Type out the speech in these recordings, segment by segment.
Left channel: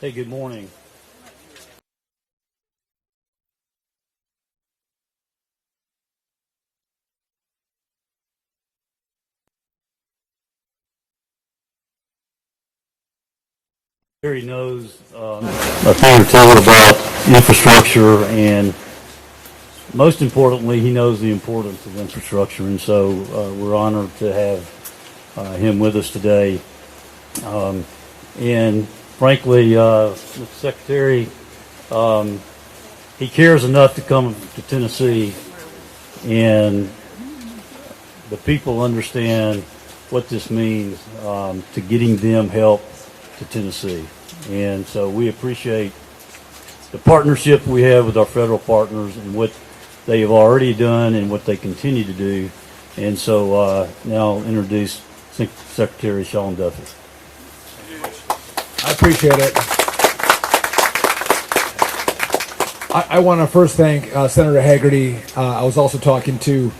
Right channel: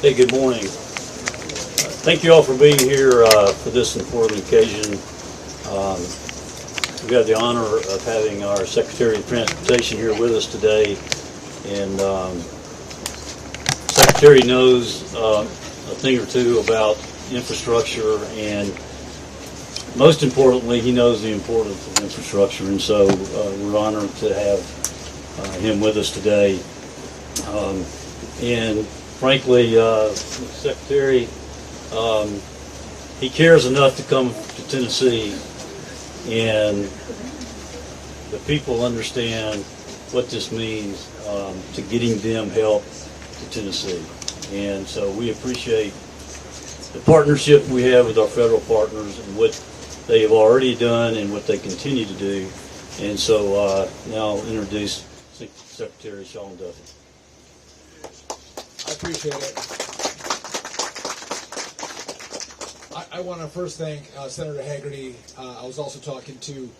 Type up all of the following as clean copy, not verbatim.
Hey, good morning. Thank you all for being here for this important occasion. Um, we have the honor of having our Secretary of Transportation here with us today, and Secretary knows a thing or two about infrastructure, and most importantly, he knows the importance of infrastructure, and so we're honored to have him with us today. And frankly, the Secretary, he cares enough to come to Tennessee, and the people understand what this means to getting them help to Tennessee. And so we appreciate the partnership we have with our federal partners and what they have already done and what they continue to do. And so now I'll introduce Secretary Sean Duffy. I appreciate it. I want to first thank Senator Hagerty. I was also talking to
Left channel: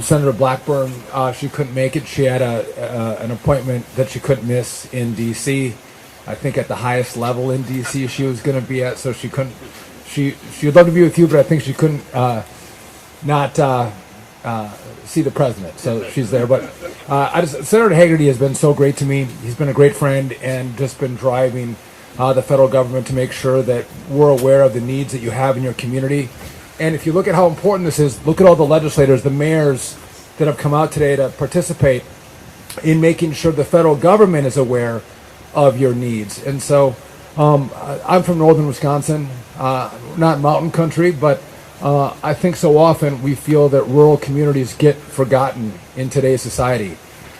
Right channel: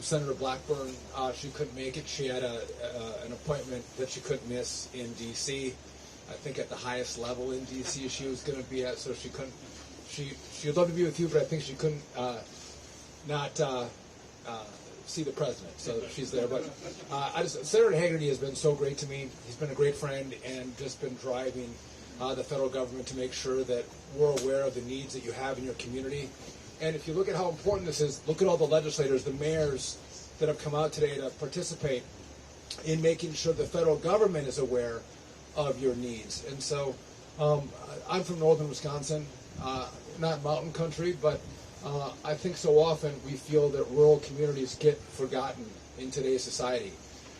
Senator Blackburn. She couldn't make it. She had an appointment that she couldn't miss in D.C. I think at the highest level in D.C. she was going to be at, so she couldn't. She would love to be with you, but I think she couldn't not see the president. So she's there. But Senator Hagerty has been so great to me. He's been a great friend and just been driving the federal government to make sure that we're aware of the needs that you have in your community. And if you look at how important this is, look at all the legislators, the mayors that have come out today to participate in making sure the federal government is aware of your needs. And so I'm from northern Wisconsin, not mountain country, but I think so often we feel that rural communities get forgotten in today's society.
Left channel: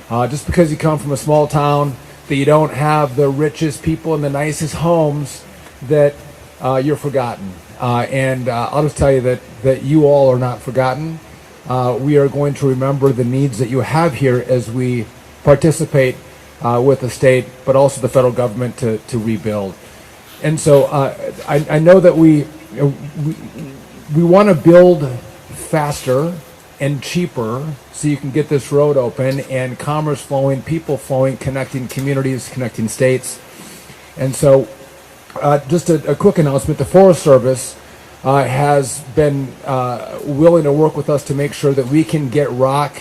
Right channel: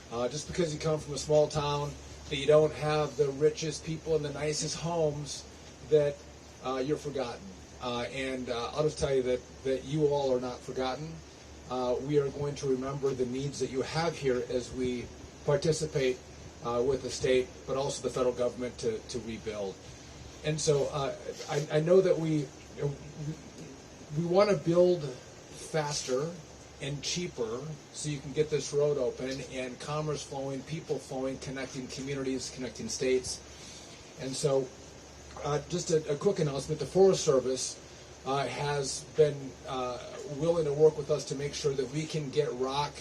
Just because you come from a small town, that you don't have the richest people and the nicest homes, that you're forgotten. And I'll just tell you that you all are not forgotten. We are going to remember the needs that you have here as we participate with the state, but also the federal government to rebuild. And so I know that we want to build faster and cheaper so you can get this road open and commerce flowing, people flowing, connecting communities, connecting states. And so just a quick announcement, the Forest Service has been willing to work with us to make sure that we can get rock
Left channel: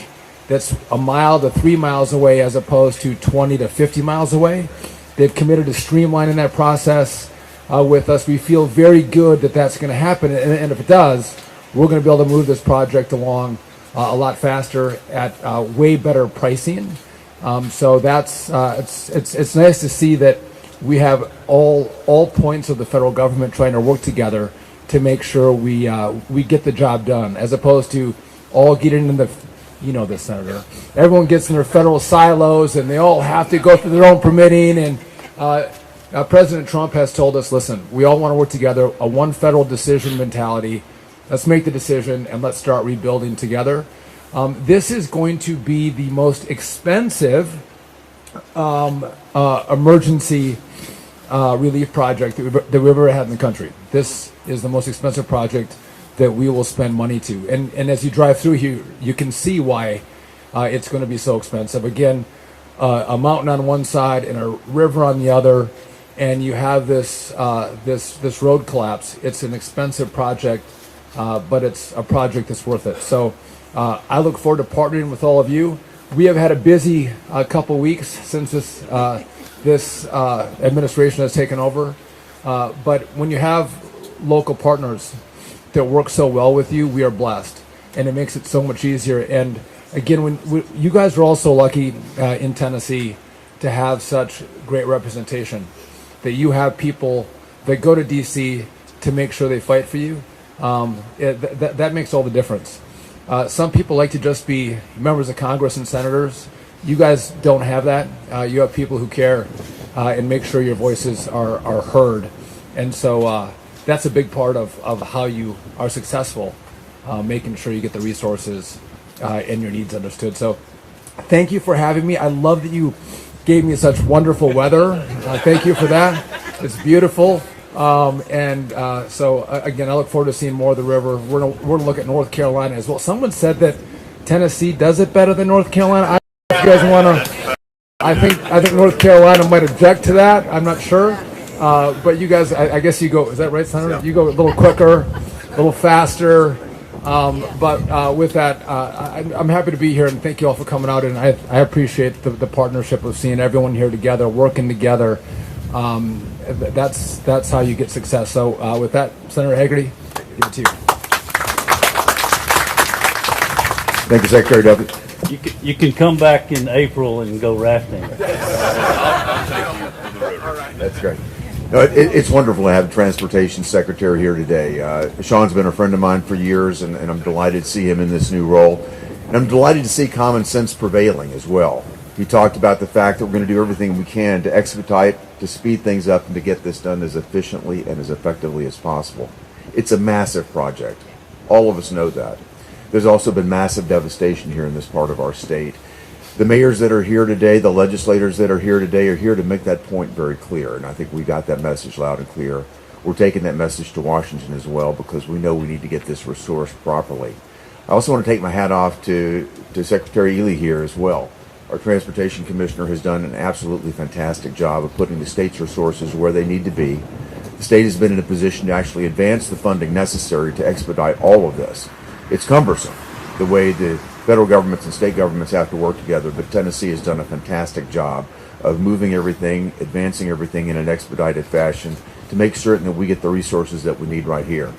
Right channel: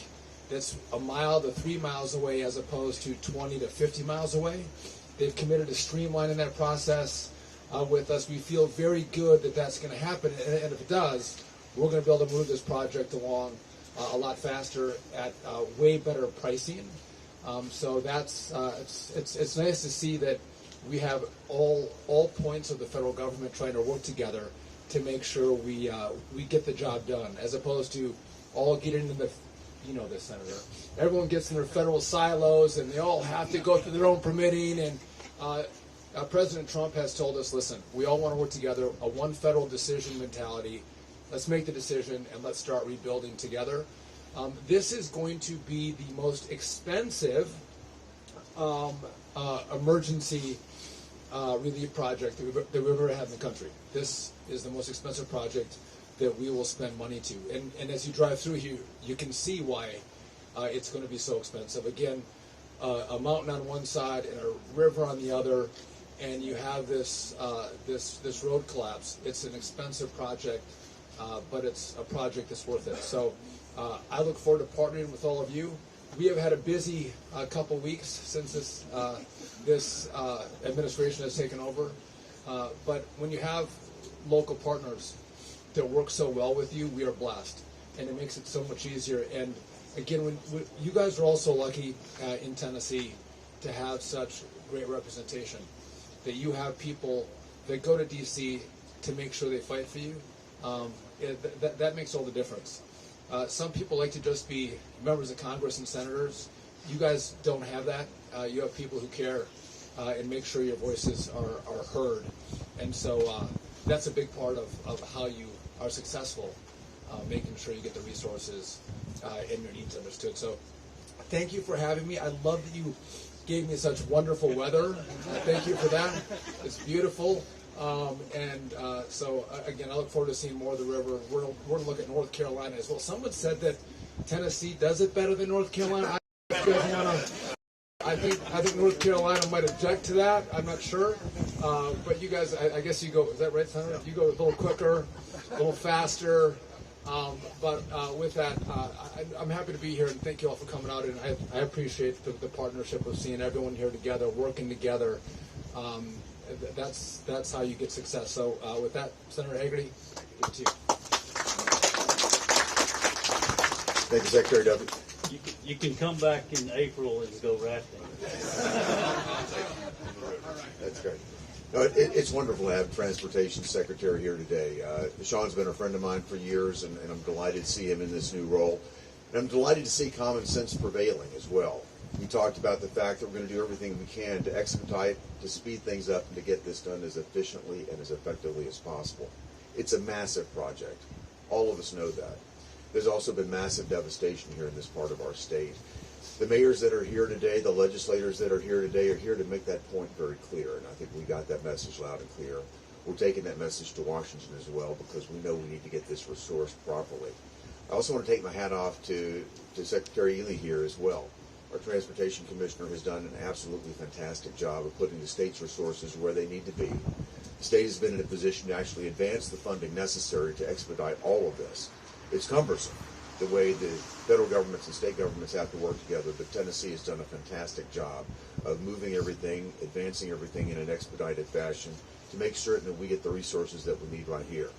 that's a mile to 3 miles away as opposed to 20 to 50 miles away. They've committed to streamlining that process with us. We feel very good that that's going to happen, and if it does, we're going to be able to move this project along a lot faster at way better pricing. So that's it's nice to see that we have all points of the federal government trying to work together to make sure we get the job done, as opposed to all getting in the, you know this, Senator, everyone gets in their federal silos and they all have to go through their own permitting. And President Trump has told us, listen, we all want to work together, a one federal decision mentality. Let's make the decision and let's start rebuilding together. This is going to be the most expensive emergency relief project that we've ever had in the country. This is the most expensive project that we will spend money to. And as you drive through here, you can see why it's going to be so expensive. Again, a mountain on one side and a river on the other, and you have this road collapse. It's an expensive project, but it's a project that's worth it. So I look forward to partnering with all of you. We have had a busy couple weeks since this administration has taken over. But when you have local partners that work so well with you, we are blessed, and it makes it so much easier. And again, you guys are also lucky in Tennessee to have such great representation, that you have people that go to D.C. to make sure they fight for you. That makes all the difference. Some people like to just be members of Congress and senators. You guys don't have that. You have people who care and make sure your voices are heard. And so that's a big part of how you are successful, making sure you get the resources and your needs understood. So thank you for having me. I love that you gave me such wonderful weather. Thank you for that. It's beautiful. So again, I look forward to seeing more of the river. We're gonna look at North Carolina as well. Someone said that Tennessee does it better than North Carolina. If you guys want to, I think North Carolina might object to that. I'm not sure, But you guys, I guess you go, is that right, Senator? Yeah. You go a little quicker, a little faster. But with that, I'm happy to be here, and thank you all for coming out. And I appreciate the partnership of seeing everyone here together, working together. That's how you get success. So with that, Senator Hagerty, give it to you. Thank you, Secretary Duffy. You can come back in April and go rafting. That's great. No, it's wonderful to have the Transportation Secretary here today. Sean's been a friend of mine for years, and I'm delighted to see him in this new role. And I'm delighted to see common sense prevailing as well. He talked about the fact that we're going to do everything we can to expedite, to speed things up, and to get this done as efficiently and as effectively as possible. It's a massive project. All of us know that. There's also been massive devastation here in this part of our state. The mayors that are here today, the legislators that are here today are here to make that point very clear, and I think we got that message loud and clear. We're taking that message to Washington as well because we know we need to get this resourced properly. I also want to take my hat off to Secretary Ely here as well. Our Transportation Commissioner has done an absolutely fantastic job of putting the state's resources where they need to be. The state has been in a position to actually advance the funding necessary to expedite all of this. It's cumbersome, the way the federal governments and state governments have to work together, but Tennessee has done a fantastic job of moving everything, advancing everything in an expedited fashion to make certain that we get the resources that we need right here.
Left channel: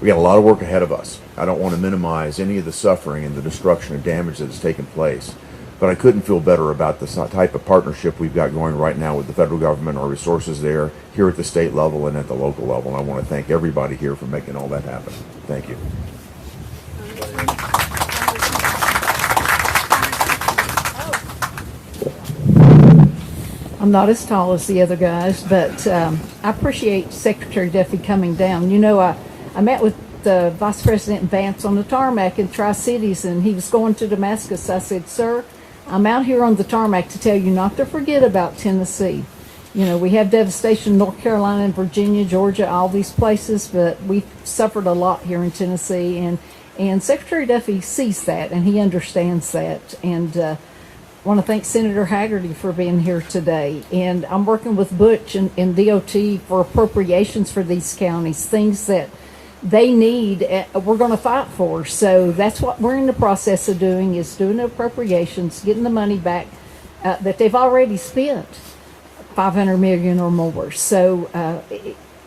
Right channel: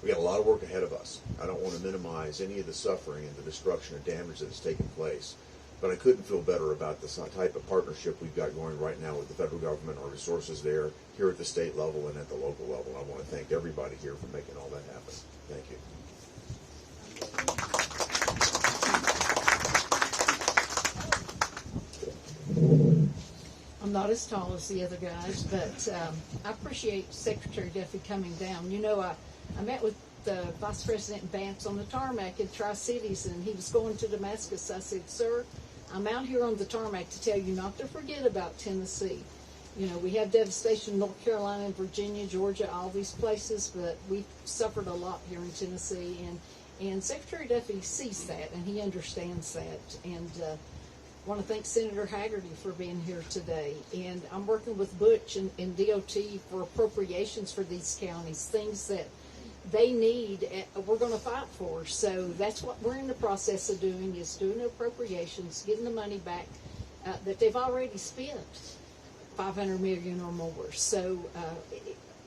We got a lot of work ahead of us. I don't want to minimize any of the suffering and the destruction and damage that has taken place, but I couldn't feel better about the type of partnership we've got going right now with the federal government, our resources there, here at the state level and at the local level. And I want to thank everybody here for making all that happen. Thank you. I'm not as tall as the other guys, but I appreciate Secretary Duffy coming down. You know, I met with Vice President Vance on the tarmac in Tri-Cities, and he was going to Damascus. I said, sir, I'm out here on the tarmac to tell you not to forget about Tennessee. You know, we have devastation in North Carolina and Virginia, Georgia, all these places, but we've suffered a lot here in Tennessee, and Secretary Duffy sees that, and he understands that. And I want to thank Senator Hagerty for being here today. And I'm working with Butch and DOT for appropriations for these counties, things that they need, we're going to fight for. So that's what we're in the process of doing, is doing the appropriations, getting the money back that they've already spent, $500 million or more. So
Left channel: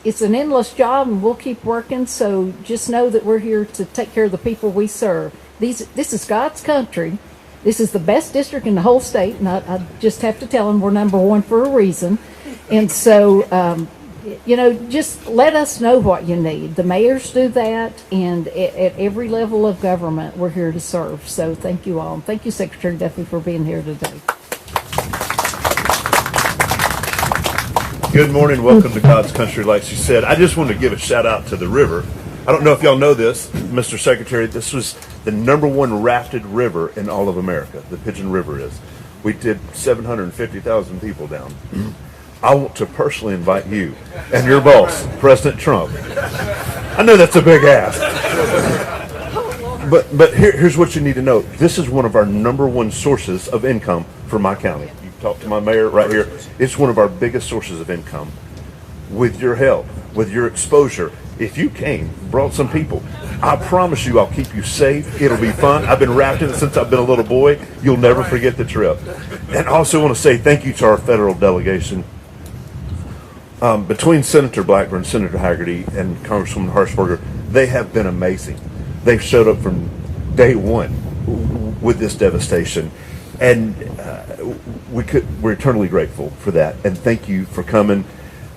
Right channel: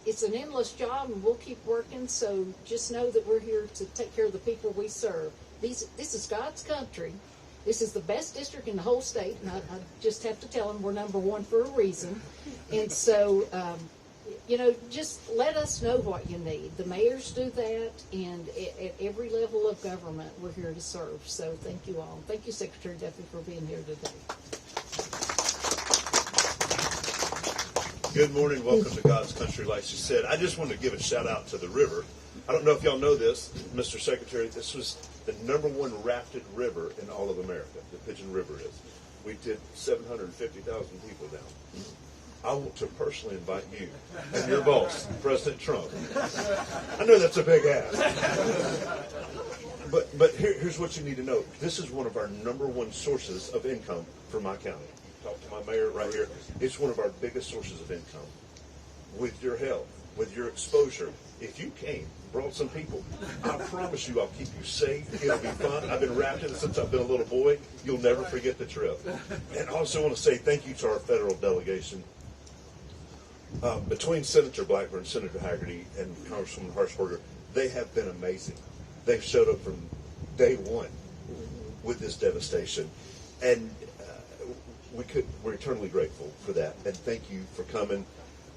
it's an endless job, and we'll keep working. So just know that we're here to take care of the people we serve. This is God's country. This is the best district in the whole state, and I just have to tell them we're number one for a reason. And so, you know, just let us know what you need. The mayors do that, and at every level of government, we're here to serve. So thank you all. And thank you, Secretary Duffy, for being here today. Good morning. Welcome to God's country. Like she said, I just want to give a shout out to the river. I don't know if y'all know this, Mr. Secretary, this was the #1 rafted river in all of America. The Pigeon River is. We did 750,000 people down. I want to personally invite you and your boss, President Trump. I know that's a big ask. But here's what you need to know. This is one of our #1 sources of income for my county. You talk to my mayor right here. It's one of our biggest sources of income. With your help, with your exposure, if you came, brought some people, I promise you I'll keep you safe. It'll be fun. I've been rafting since I've been a little boy. You'll never forget the trip. And I also want to say thank you to our federal delegation. Between Senator Blackburn, Senator Hagerty, and Congresswoman Harshberger, they have been amazing. They've showed up from day one with this devastation. And we're eternally grateful for that. And thank you for coming.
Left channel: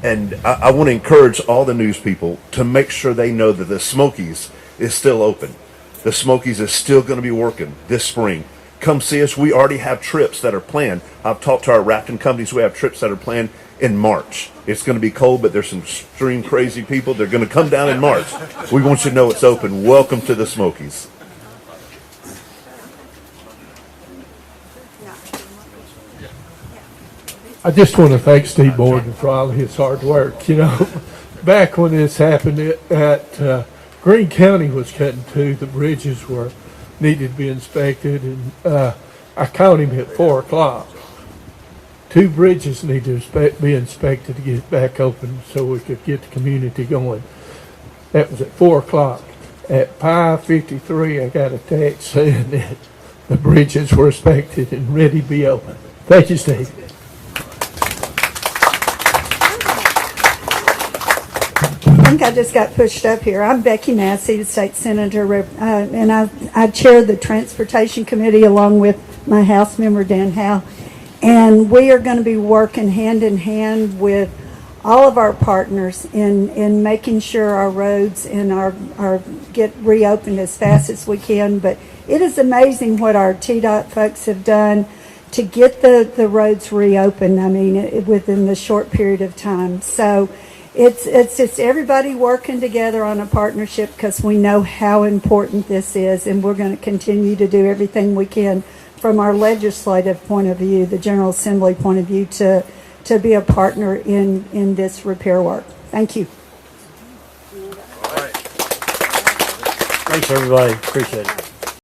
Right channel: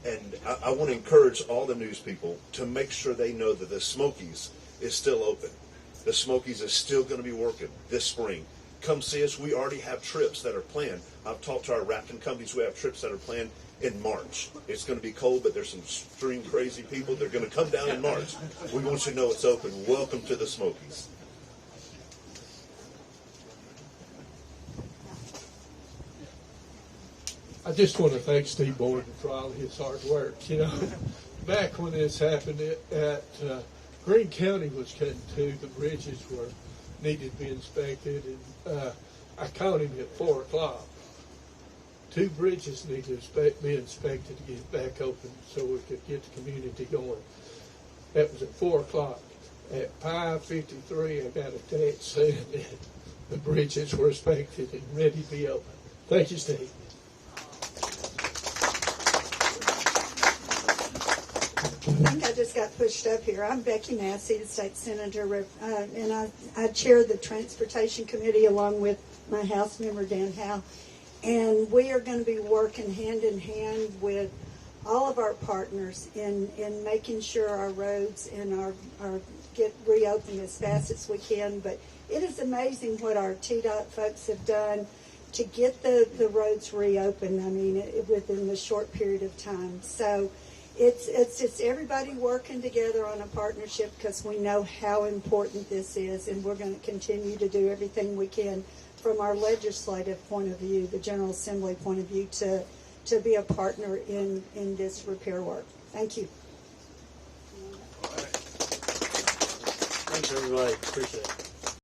And I want to encourage all the news people to make sure they know that the Smokies is still open. The Smokies is still going to be working this spring. Come see us. We already have trips that are planned. I've talked to our rafting companies. We have trips that are planned in March. It's going to be cold, but there's some extreme crazy people. They're going to come down in March. We want you to know it's open. Welcome to the Smokies. I just want to thank Steve Borden for all his hard work. You know, back when this happened at Greene County was cutting too, the bridges needed to be inspected, and I called him at 4 o'clock. 2 bridges need to be inspected to get back open so we could get the community going. That was at 4 o'clock. At 5:53, I got a text saying that the bridges were inspected and ready to be open. Thank you, Steve. I think I just got pushed up here. I'm Becky Massey, the state senator, and I chair the transportation committee along with my House member Dan Howe. And we are going to be working hand in hand with all of our partners in making sure our roads and our get reopened as fast as we can. But it is amazing what our TDOT folks have done to get the roads reopened. I mean, within the short period of time. So it's just everybody working together on a partnership because we know how important this is, and we're going to continue to do everything we can from our legislative point of view, the General Assembly point of view, to be a partner in this repair work. Thank you. Thanks, everybody. Appreciate it.